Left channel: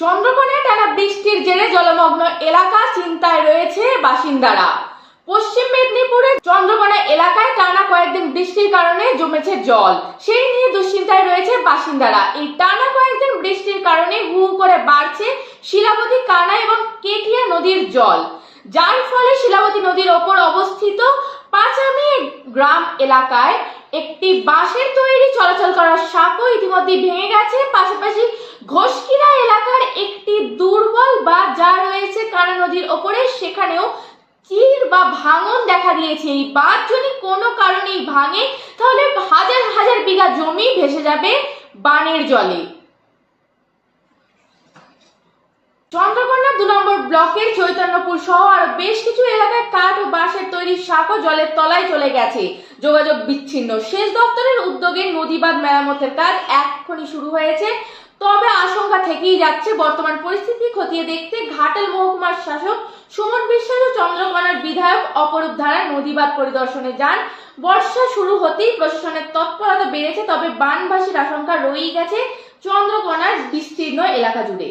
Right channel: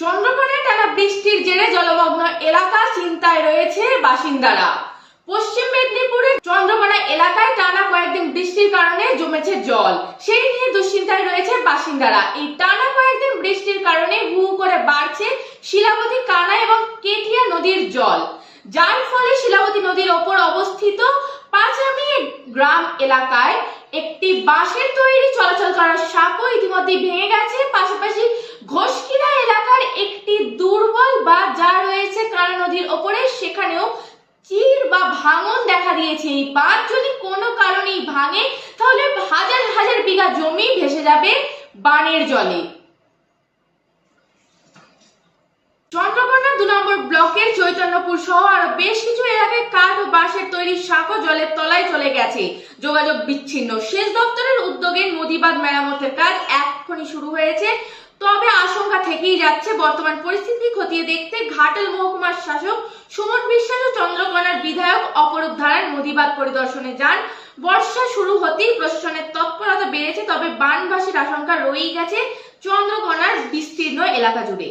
চন্দ্রকোনায় টানা বৃষ্টির জেরে জলমগ্ন এলাকা চিন্তায় রয়েছে বাসিন্দারা। পশ্চিম মেদিনীপুরের চন্দ্রকোনা এলাকায় টানা কয়েকদিন বৃষ্টির কারণে জমেছে জল, সেই নিয়ে দুশ্চিন্তায় রয়েছে বাসিন্দারা। এই টানা কয়েকদিন বৃষ্টির কারণে হু করে বাড়ছে শিলাবতী, কানা এবং কেটিয়া নদীর জল, যার ফলে শিলাবতী নদীর ওপর অবস্থিত পাঁচামি গ্রাম এলাকায় একটি বাঁশের তৈরি চলাচল করার সাঁকো ইতিমধ্যে ভেঙে গেছে। পাশাপাশি ঘোষকিরা এলাকার একটি দুর্বল বাঁধ যা রয়েছে কানা নদীর ওপরে, সেখানেও চির বা ভাঙন দেখা দিয়েছে। এই বাঁধ যদি কোনো কারণেই ভাঙে তাহলে হাজার হাজার বিঘা জমি ভেসে যাবে বানের জলে। চন্দ্রকোনা 2 নম্বর ব্লকের চৈতন্যপুর সহ আরো বেশ কিছু এলাকায় কাঠ ও বাঁশের তৈরি সাঁকো জলের তলায় চলে গেছে, যোগাযোগ বিচ্ছিন্ন। সেচ দপ্তরের উদ্যোগে নদীবাঁধ মেরামতের কাজ এখনই শুরু হয়েছে, তবে আশঙ্কা থেকেই যাচ্ছে। বর্তমান পরিস্থিতি খতিয়ে দেখতে ঘাটাল মহকুমার শাসক সুমন বিশ্বাস ও চন্দ্রকোনার বিধায়ক অপরূপ ধারা নদীবাঁধ পরিদর্শনে যান। বর্ষা শুরু হতেই প্রশাসনের তৎপরতা বেড়েছে, তবে বানভাসির আশঙ্কা রয়েই গেছে চন্দ্রকোনার বিস্তীর্ণ এলাকা জুড়ে।